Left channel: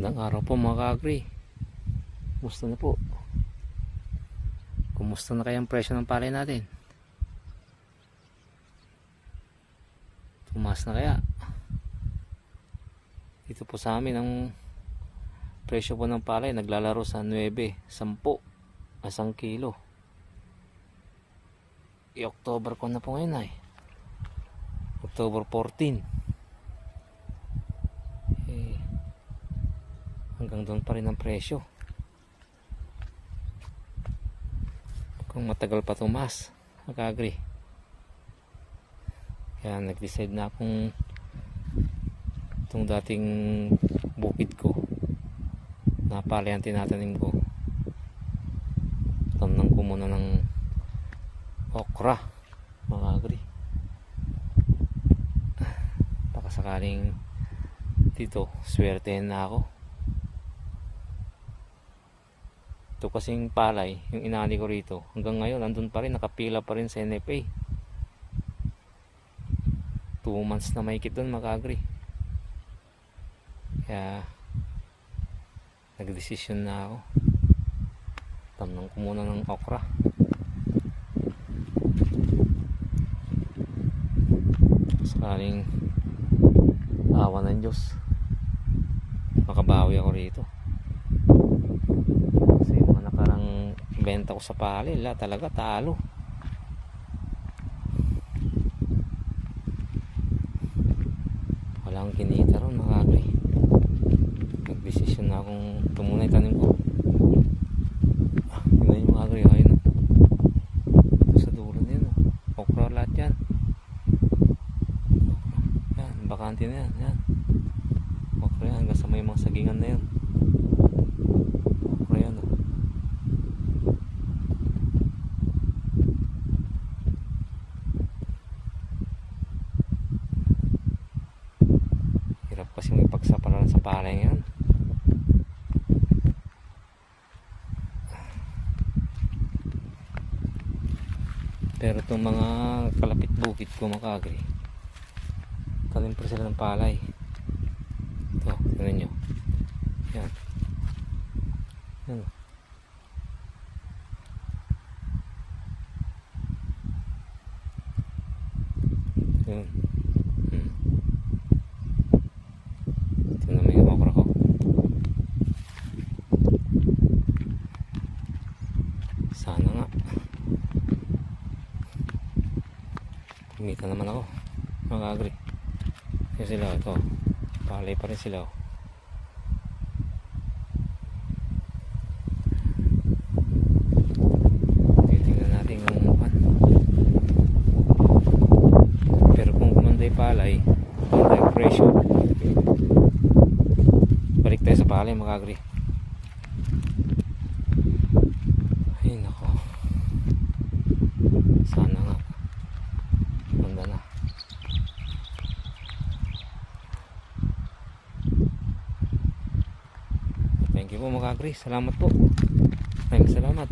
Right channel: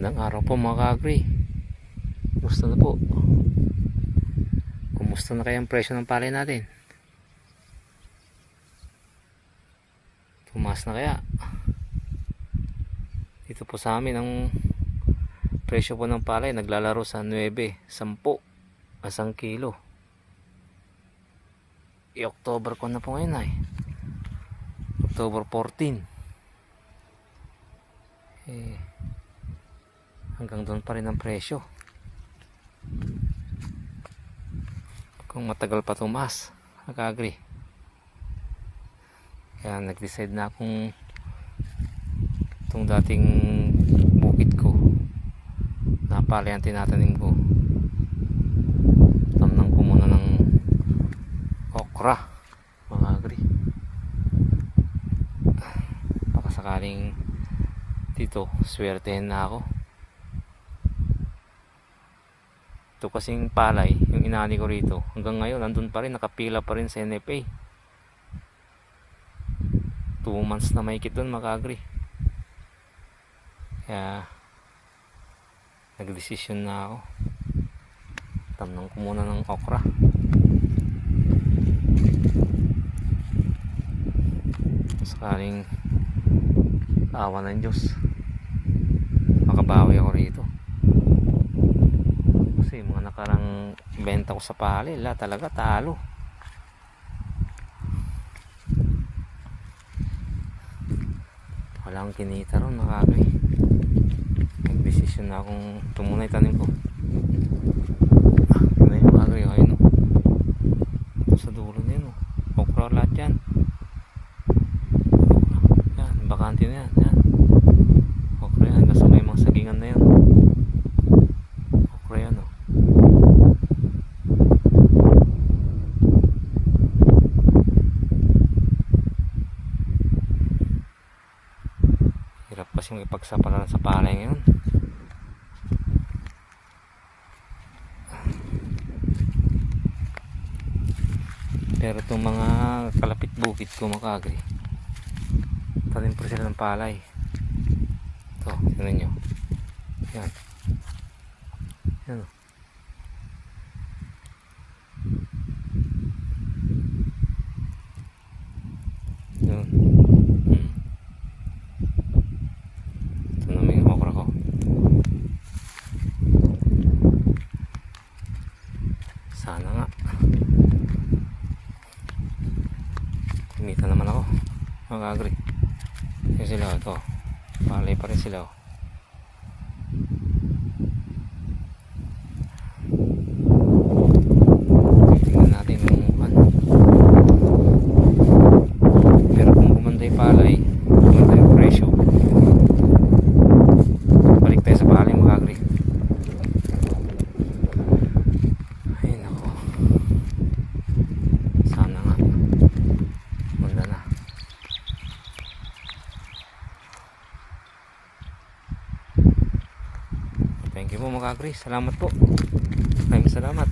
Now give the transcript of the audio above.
Magandang araw po mga ka-agri. Kumusta na po? Kumusta na kaya ang presyo ng palay natin? Tumaas na kaya? Dito po sa amin ang presyo po ng palay naglalaro sa 9, 10, asang kilo. October ko na po ngayon ay October 14. Hanggang doon pa rin ang presyo. Kung matagal pa tumaas, nag-agree. Kaya nag-decide na akong itong dating bukid ko na palay ang tinatanim ko. Tamnang ko muna ng okra, mga agree. Baka sakaling dito swertehin na ako. Ito kasing palay, yung inani ko rito, hanggang ngayon andun pa rin, nakapila pa rin sa NFA. 2 months na mahigit doon, mag-agree. Kaya nagdesisyon na ako. Tamnang ko muna ng okra. Sakaling awa ng Diyos, makabawi ako rito. Kasi mga nakarang benta ko sa palay, talaga talo. Walang kinita ron, makakay. Nag-desisyon na akong tumunay tanim ko. Ano yung makakay? Ayun, ito sa dulo na yun. Okra lahat yan. Yan, bakante na yan. Yan. Okra yan, hanggang sa may mga sagingan na yan. Okra yan, hirap kasi may pagsapalaran sa palay ngayon. Pero itong mga kalapit bukid ko, makagri, tanim pa sila ng palay. Ito, tingnan nyo. Yan. Yan. Yun. Ito naman yung okra ko. Sana nga kumita naman ako, mag-agree. Kasi sila ito, palay pa rin sila. Tingnan natin yung mukhan. Pero kung kumanday palay, kumanda yung presyo, balik tayo sa palay, mag-agree. Ay nako, sana nga ganda na. Thank you po, mag-agree. Salamat po. Maraming salamat.